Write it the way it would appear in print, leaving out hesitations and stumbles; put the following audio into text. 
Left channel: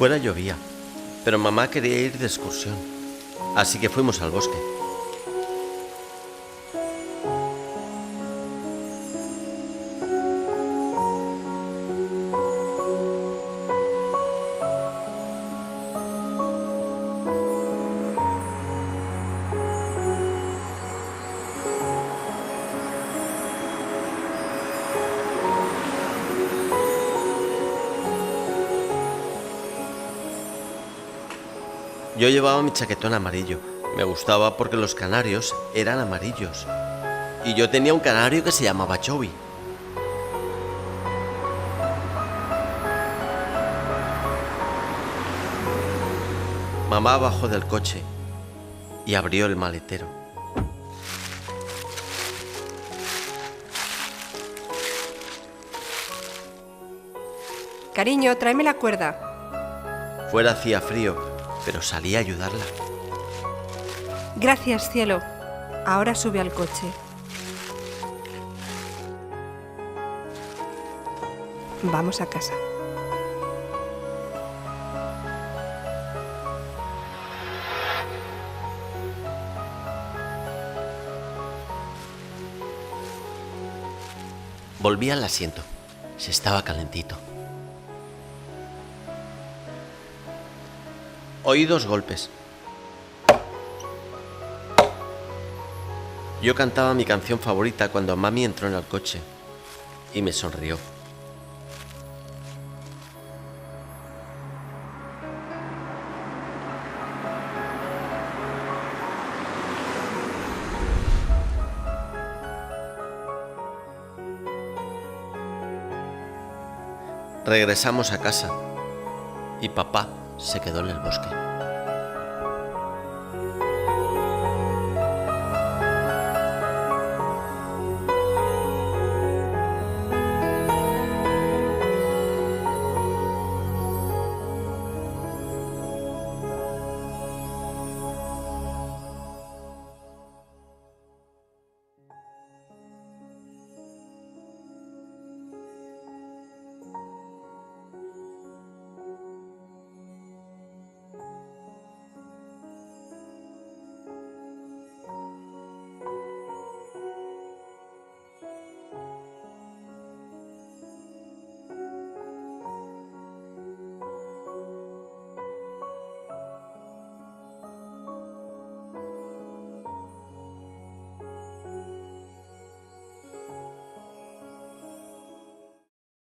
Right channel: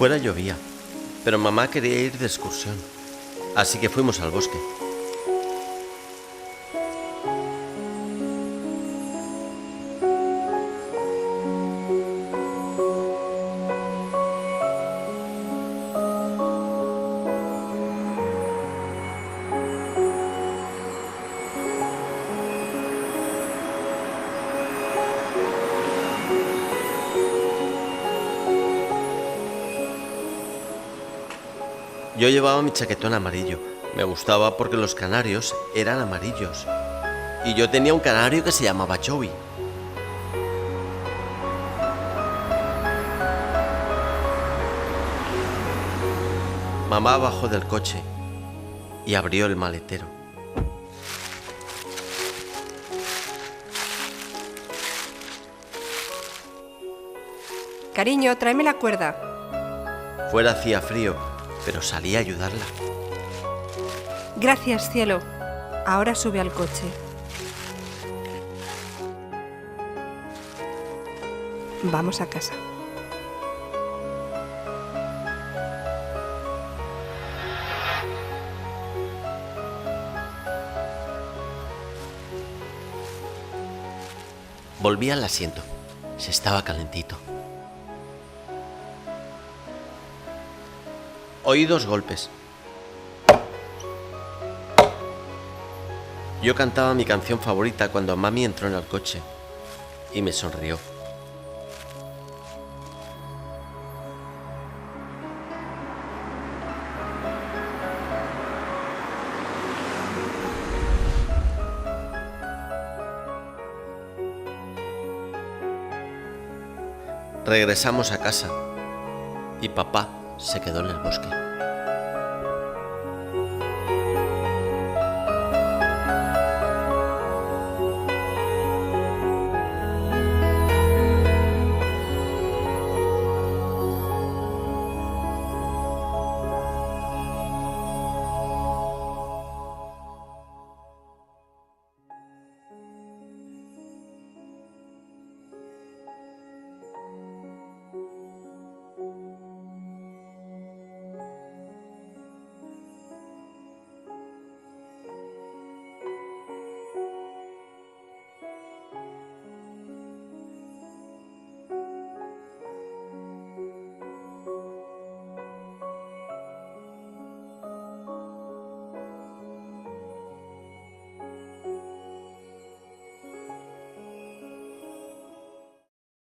Fuera llovía, pero mamá quería ir de excursión, así que fuimos al bosque. Yo llevaba mi chaquetón amarillo. Me gustaba porque los canarios eran amarillos. Y yo tenía un canario que se llamaba Joey. Mamá bajó del coche y abrió el maletero. Cariño, tráeme la cuerda. Fuera hacía frío, pero salí a ayudarla. Gracias, cielo. Ahora sube al coche. Vamos a casa. Volví al asiento. Se estaba calentito. Oí 2 golpes. Yo cantaba mi canción favorita cuando mami entró en el coche y me sonrió. Regresamos a casa y papá se quedó en el bosque.